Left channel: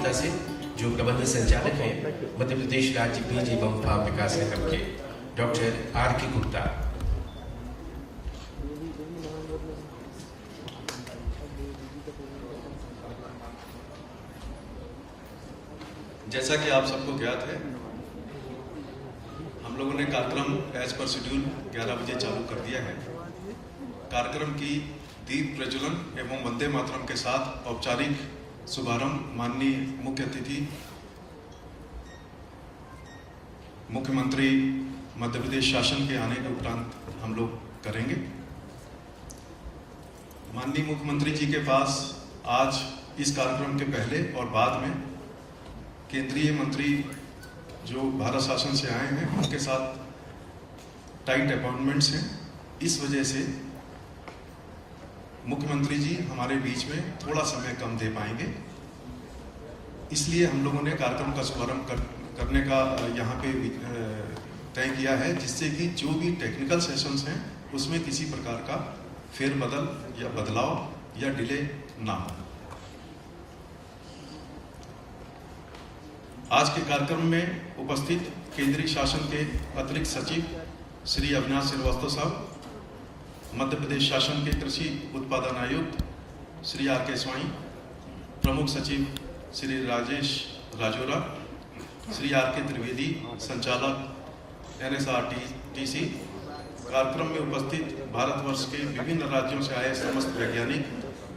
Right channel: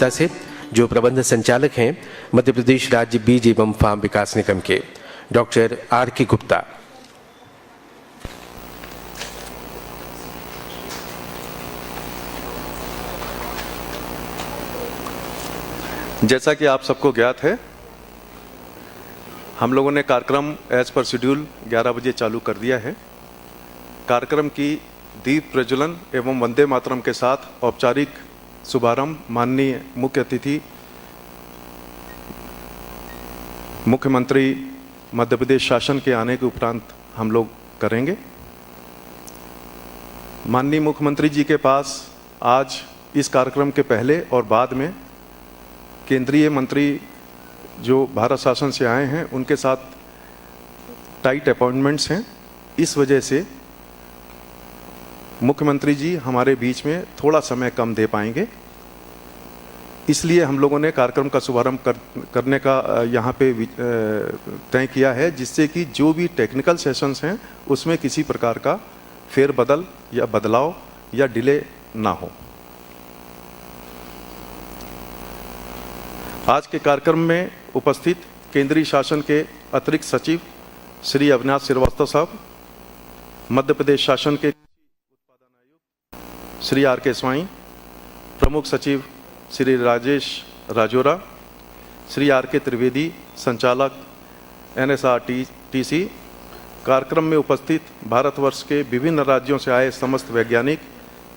गुप्ता से, जो प्रबंध संचालक हैं मध्य प्रदेश राज्य बीज एवं फार्म विकास निगम के, डॉक्टर R.K. गुप्ता। जैसा कि आप सबको ज्ञात है, हम लोगों ने कार्यक्रम एज पर शेड्यूल 11 बजे चालू कर दिया है। कार्यक्रम की दीप प्रज्वलन एवं वंदे मातरम के साथ औपचारिक शुभारंभ माननीय मुख्य अतिथि मुख्यमंत्री मध्य प्रदेश शासन के आने के उपरांत हम लोग करेंगे। माननीय मुख्यमंत्री जी के पास आज इस कार्यक्रम के पहले और बाद में केंद्रीय मंत्री जो भारत शासन से आए हैं उनके साथ टाइट अपॉइंटमेंट्स हैं। इस वजह से मुख्यमंत्री जी हमारे बीच में थोड़ा समय कम दे पाएंगे, इसलिए हम लोगों ने कार्यक्रम का शुभारंभ करने का यहाँ पे तय किया है, जिससे कि जो भी टेक्निकल सेशंस हैं उसमें किसी प्रकार का फेरबदल या बदलाव या डिले ना हो। आज के कार्यक्रम में उपस्थित केंद्रीय शासन के अतिरिक्त सचिव श्री अविनाश श्रीवास्तव साहब, मध्य प्रदेश शासन के कृषि उत्पादन आयुक्त श्री R.K. स्वाई, प्रमुख सचिव श्री राजेश राजोरा, श्री R.K. त्रिवेदी, संचालक NSRTC, कार्यक्रम में उपस्थित भारतवर्ष के विभिन्न राज्यों से आए समस्त वैज्ञानिक,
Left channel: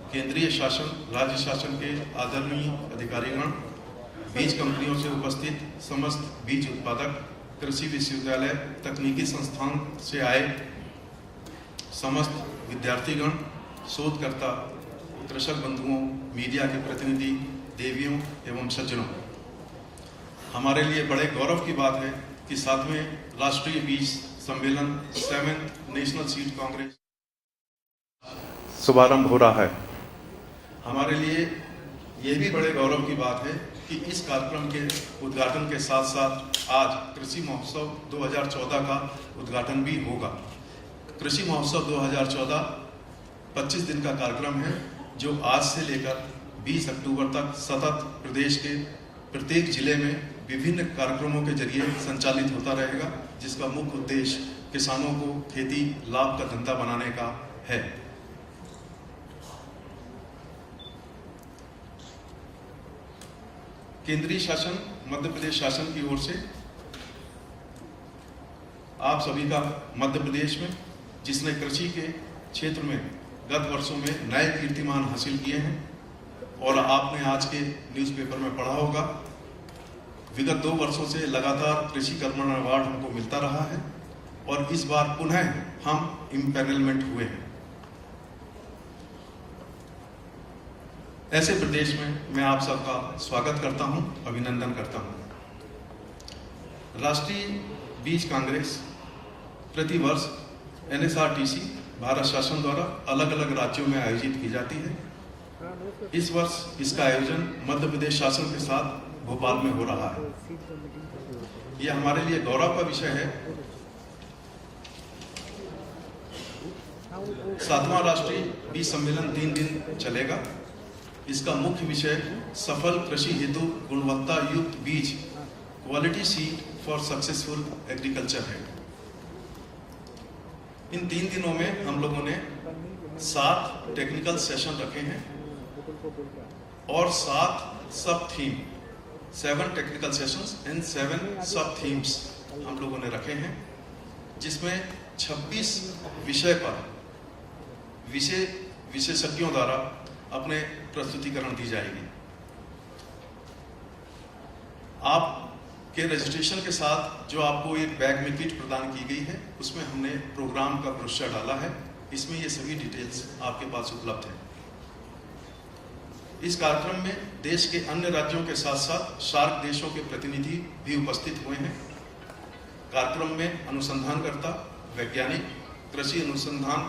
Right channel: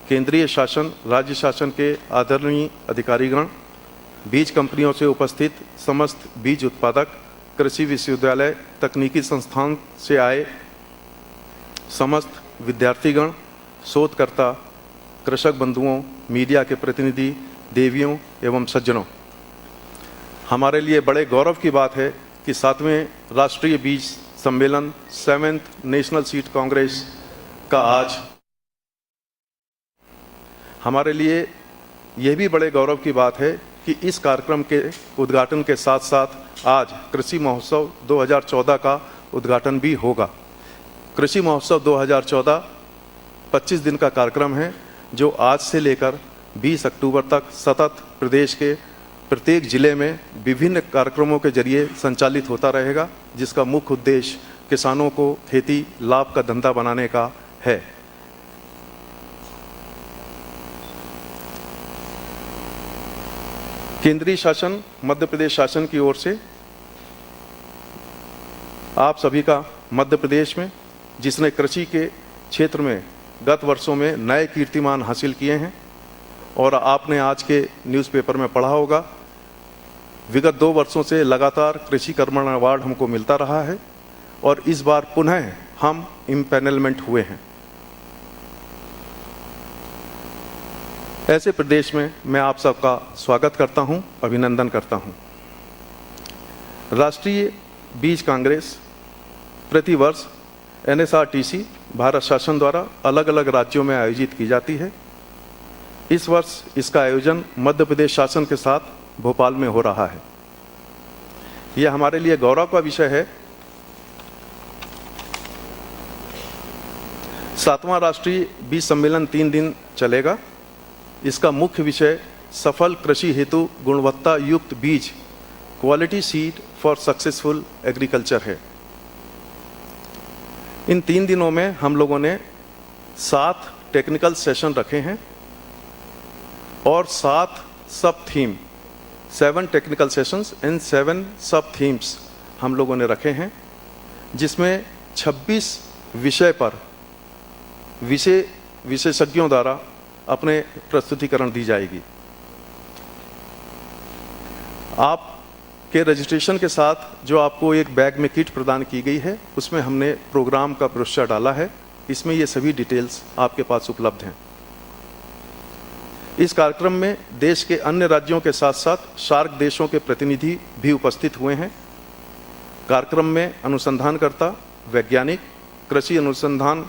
केंद्रीय शासन राज्य शासन के आदरणीय अधिकारीगण, बीज कंपनियों से उपस्थित समस्त बीज उत्पादक, कृषि विश्वविद्यालय तकनीकी संस्थान से आए समस्त विद्यार्थीगण, शोधकर्ता, कृषक बंधुओं, मीडिया के प्रतिनिधि, देवियों एवं सज्जनों, हमारे लिए बड़े गौरव की बात है कि 7वें राष्ट्रीय बीज सम्मेलन 7th नेशनल सीड कांग्रेस का आज शुभारंभ हो रहा है। हमारे लिए यह भी बड़े गौरव की बात है कि इस कार्यक्रम के उद्घाटन के साथ साथ आज कृषि महोत्सव 2014 का उद्घाटन भी होगा। कृषि महोत्सव 2014 25 दिन का कार्यक्रम है, जो आज से लेकर 20 अक्टूबर तक सतत प्रदेश के प्रत्येक जिले में विभिन्न कार्यक्रमों के जरिए संचालित होता रहेगा, जिसका मुख्य उद्देश्य किसानों को खेती लाभ का धंधा बनाने का है। केंद्रीय शासन मध्य प्रदेश शासन की ओर से आप सभी का मध्य प्रदेश में, जिसने कृषि के क्षेत्र में गत वर्षों में नए कीर्तिमान हासिल किए हैं, और आपने आज के न्यूज़पेपर में पढ़ा होगा, विगत 2 वर्षों से लगातार कृषि कर्मण अवार्ड हमको मिलता रहा है और इस बार पुनः हम इम्पैनलमेंट हुए हैं। ऐसे प्रदेश में मैं आप सबका स्वागत करता हूं, अभिनंदन करता हूं। राष्ट्रीय बीज कांग्रेस प्रतिवर्ष NSRTC भारत शासन द्वारा अलग अलग राज्यों में आयोजित की जाती है। इस वर्ष इसका आयोजन मध्य प्रदेश शासन के साथ भोपाल में हो रहा है। यह हमारे लिए गौरव का विषय है। 7वां राष्ट्रीय बीज सम्मेलन 3 दिन चलेगा। इसका मुख्य विषय सफल कृषि हेतु गुणवत्ता युक्त बीज, quality seed for successful agriculture है। इन 3 दिनों में हम लोगों ने 7 टेक्निकल सेशन रखे हैं और 7 सब थीम, 7 टेक्निकल सेशंस एंड 7 सब थीम्स हम लोगों ने रखे हैं, जिसमें 26 विषय पर विशेषज्ञों द्वारा अपने प्रस्तुतिकरण दी जाएगी। आपके रजिस्ट्रेशन के साथ जो आपको एक बैग में किट प्रदान की गई है, उसमें हमने प्रोग्राम का ब्रोशर डाला है। इसमें ये सभी डिटेल्स आपके पास उपलब्ध हैं। इस कार्यक्रम में देश के अन्य राज्यों के साथ साथ सार्क देशों के प्रतिनिधि भी उपस्थित हुए हैं। कार्यक्रम में अनुसंधानकर्ता, वैज्ञानिक, कृषि अनुसंधान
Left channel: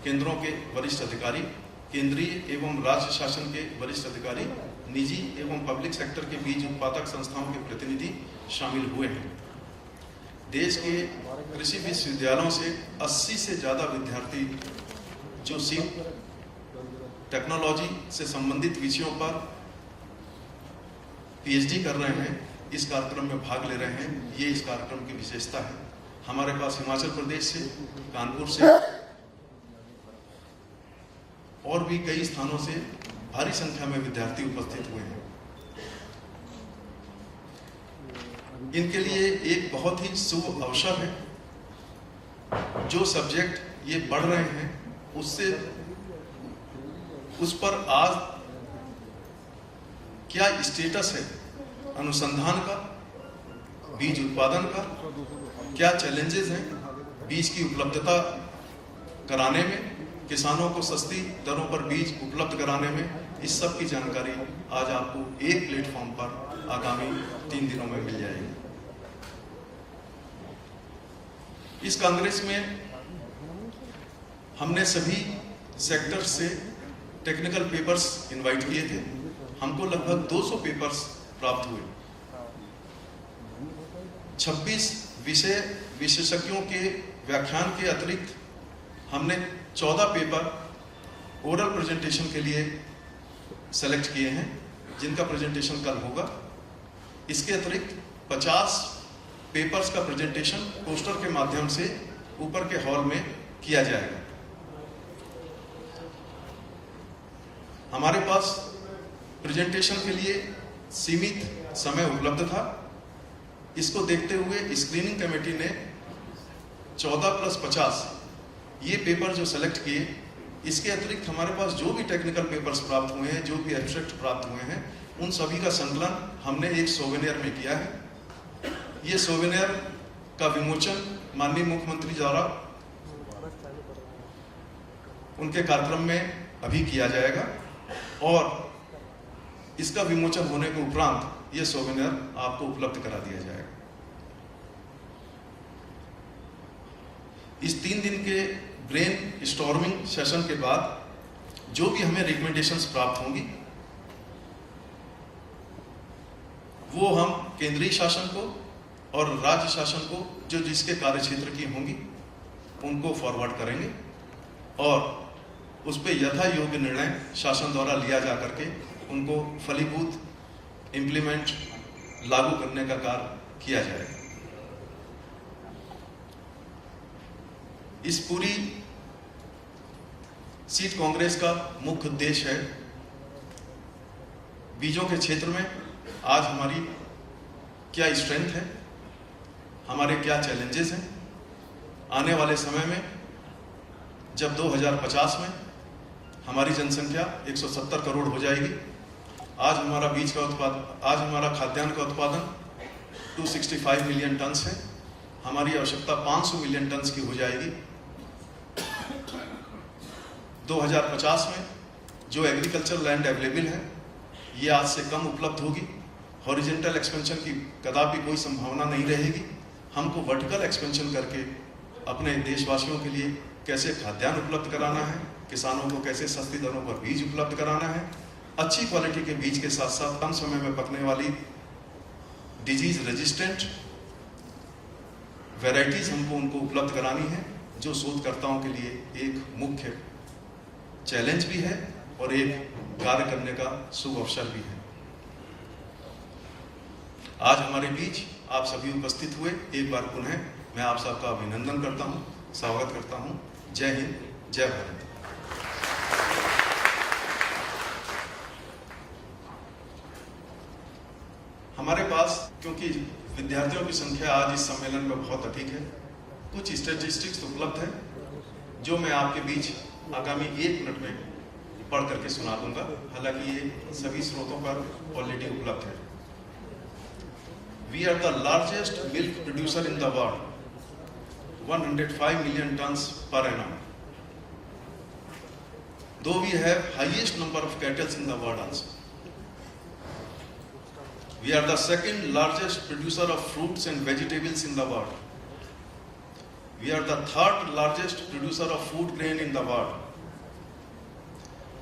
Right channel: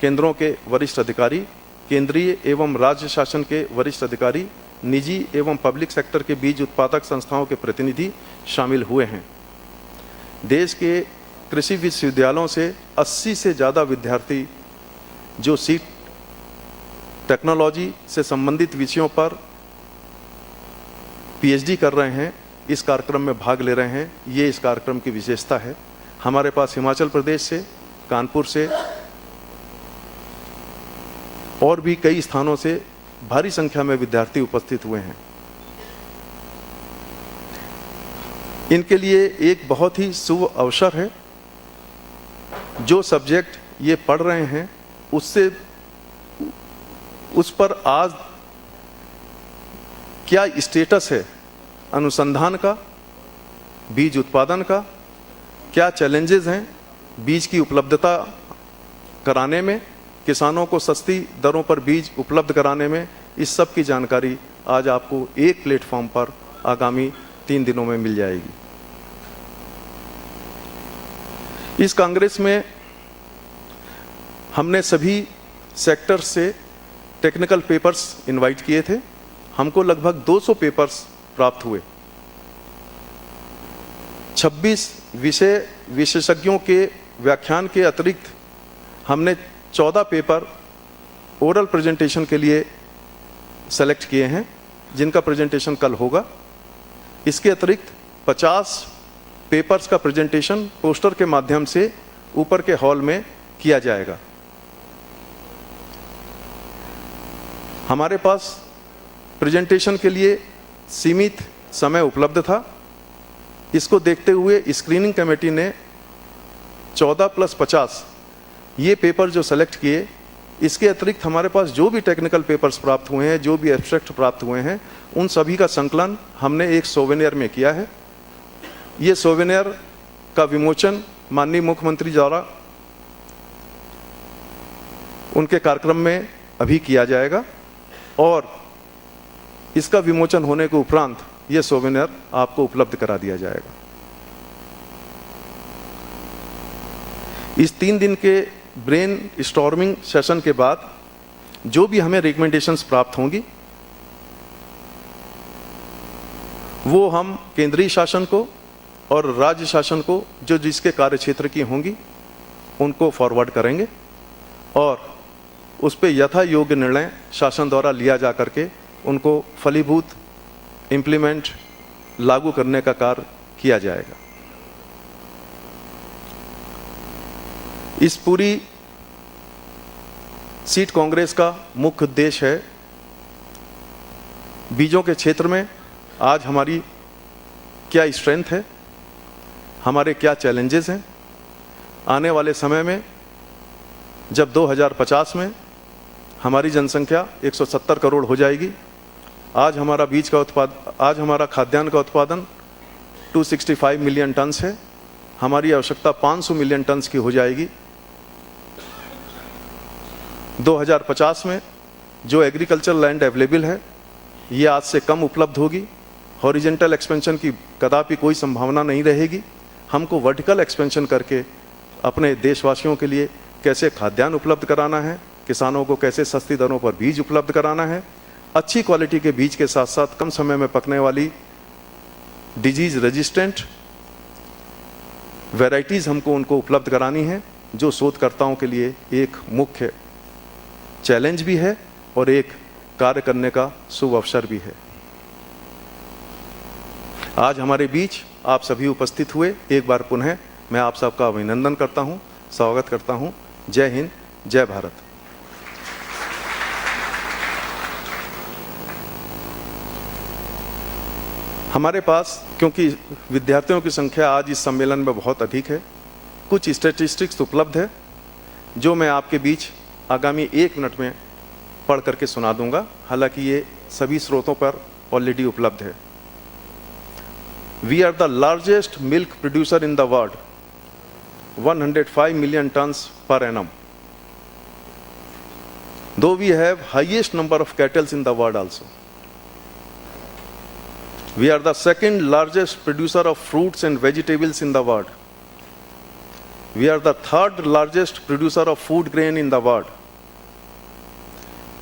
केंद्रों के वरिष्ठ अधिकारी, केंद्रीय एवं राज्य शासन के वरिष्ठ अधिकारी, निजी एवं पब्लिक सेक्टर के बीज उत्पादक संस्थाओं के प्रतिनिधि शामिल हुए हैं। देश के कृषि विश्वविद्यालयों से 80 से ज़्यादा विद्यार्थी जो सीड टेक्नोलॉजी से संबंधित विषयों पर पीएचडी कर रहे हैं, इस कार्यक्रम में भाग ले रहे हैं। ये इस कार्यक्रम की विशेषता है। हमारे पास हिमाचल प्रदेश से, कानपुर से और भी कई स्थानों से भारी संख्या में विद्यार्थी उपस्थित हुए हैं। इनके लिए एक बहुत ही शुभ अवसर है। जो सब्जेक्ट ये पढ़ रहे हैं उस पर आज क्या स्टेटस है अनुसंधान का, बीज उत्पादन का, क्या चैलेंजेस हैं बीज की उपलब्धता कराने में, किसानों को सस्ती दरों पर बीज उपलब्ध कराने में, इस सब की जानकारी आज आपको एक प्लेटफॉर्म पर आगामी 3 दिनों में मिल जाएगी। इस कांग्रेस में हमने सभी सेक्टर से टेक्निकल पेपर्स इनवाइट किए थे। हमको लगभग 200 पेपर्स प्राप्त हुए। 26 विषय विशेषज्ञों के व्याख्यान के अतिरिक्त हमने 14 पेपर ओरल प्रेजेंटेशन के लिए सेलेक्ट किए हैं, जिनका प्रेजेंटेशन कल होगा। इसके अतिरिक्त 50 पेपर्स का प्रेजेंटेशन पोस्टर के माध्यम से ऊपर के हॉल में किया जाएगा। हमारे पास प्रेजेंटेशन के लिए सीमित समय उपलब्ध था। इसको देखते हुए स्क्रीनिंग कमेटी ने 14+50 ये पेपर जो सेलेक्ट किए, इसके अतिरिक्त हमारे पास जो भी टेक्निकल पेपर्स प्राप्त हुए हैं, जो भी एब्स्ट्रैक्ट प्राप्त हुए हैं, उन सभी का संकलन हमने एक सोवेनियर में किया है। ये सोवेनियर का विमोचन माननीय मुख्यमंत्री द्वारा उनके कार्यक्रम में अभी किया जाएगा और इसका विमोचन होने के उपरांत यह सोवेनियर आपको उपलब्ध करा दिया जाएगा। इस 3 दिन के ब्रेन स्टॉर्मिंग सेशन के बाद जो भी हमें रिकमेंडेशंस प्राप्त होंगी वो हम केंद्रीय शासन को और राज्य शासन को जो जिसके कार्य क्षेत्र की होंगी उनको फॉरवर्ड करेंगे और उस पर यथा योग्य निर्णय शासन द्वारा लिया जा करके उनको फलीभूत इम्प्लीमेंट लागू करने का कार्य किया जाएगा। इस पूरी सीट कांग्रेस का मुख्य उद्देश्य है बीजों के क्षेत्र में आज हमारी क्या स्ट्रेंथ है, हमारे क्या चैलेंजेस हैं। आने वाले समय में जब 2050 में हमारी जनसंख्या 170 करोड़ हो जाएगी, आज हमारा खाद्यान्न का उत्पादन 265 मिलियन टन है, हमारी आवश्यकता 500 मिलियन टन की हो जाएगी। 2050 में जो एग्रीकल्चर लैंड अवेलेबल है ये आज से कम उपलब्ध होगी। हॉरिजेंटल एक्सपेंशन की कदापि कोई संभावना नहीं रहेगी। हमको वर्टिकल एक्सपेंशन करके अपने देशवासियों के लिए कैसे खाद्यान्न उपलब्ध कराना है, किसानों को कैसे सस्ती दरों पर बीज उपलब्ध कराना है, अच्छी क्वालिटी के बीज के साथ साथ कम समय में पकने वाली डिजीज रेजिस्टेंट वैरायटीज हमको उनको उपलब्ध करानी है, जो शोधकर्ताओं के लिए एक मुख्य चैलेंज भी है और एक कार्य करने का शुभ अवसर भी है। आज हमारे बीच आप सभी उपस्थित हुए, एक बार पुनः मैं आप सबका अभिनंदन करता हूं, स्वागत करता हूं। जय हिंद, जय भारत। हमारे पास क्योंकि विद्यार्थियों की संख्या आज इस सम्मेलन में बहुत अधिक है, कुछ स्टैटिस्टिक्स उपलब्ध है जो मैं आपके बीच आगामी 1 मिनट में पढ़ करके सुना दूंगा। हालांकि ये सभी स्रोतों पर ऑलरेडी उपलब्ध है। We are the largest milk producer in the world, 105 million tons per annum. Though we have highest number of cattle in the world also. We are the second largest producer of fruits and vegetables in the world. We are the third largest producer of food grain in the world.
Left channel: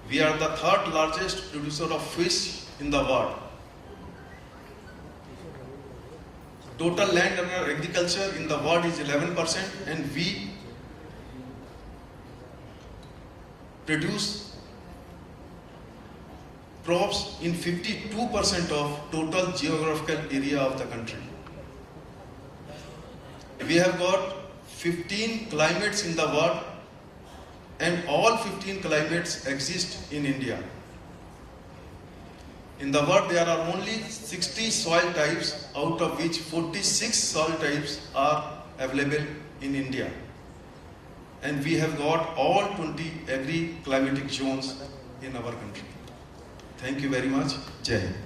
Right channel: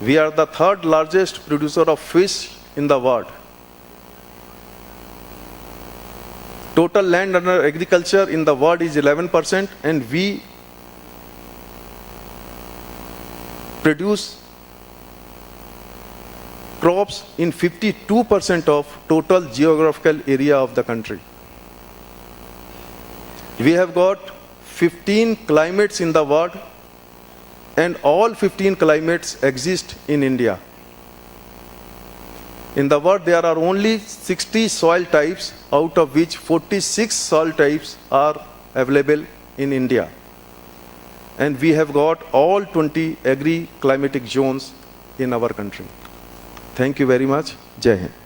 We are the third largest producer of fish in the world. Total land under agriculture in the world is 11%, and we produce crops in 52% of total geographical area of the country. We have got 15 climates in the world, and all 15 climates exist in India. In the world, there are only 60 soil types, out of which 46 soil types are available in India. And we have got all 20 agri-climatic zones in our country. Thank you very much. Jai Hind.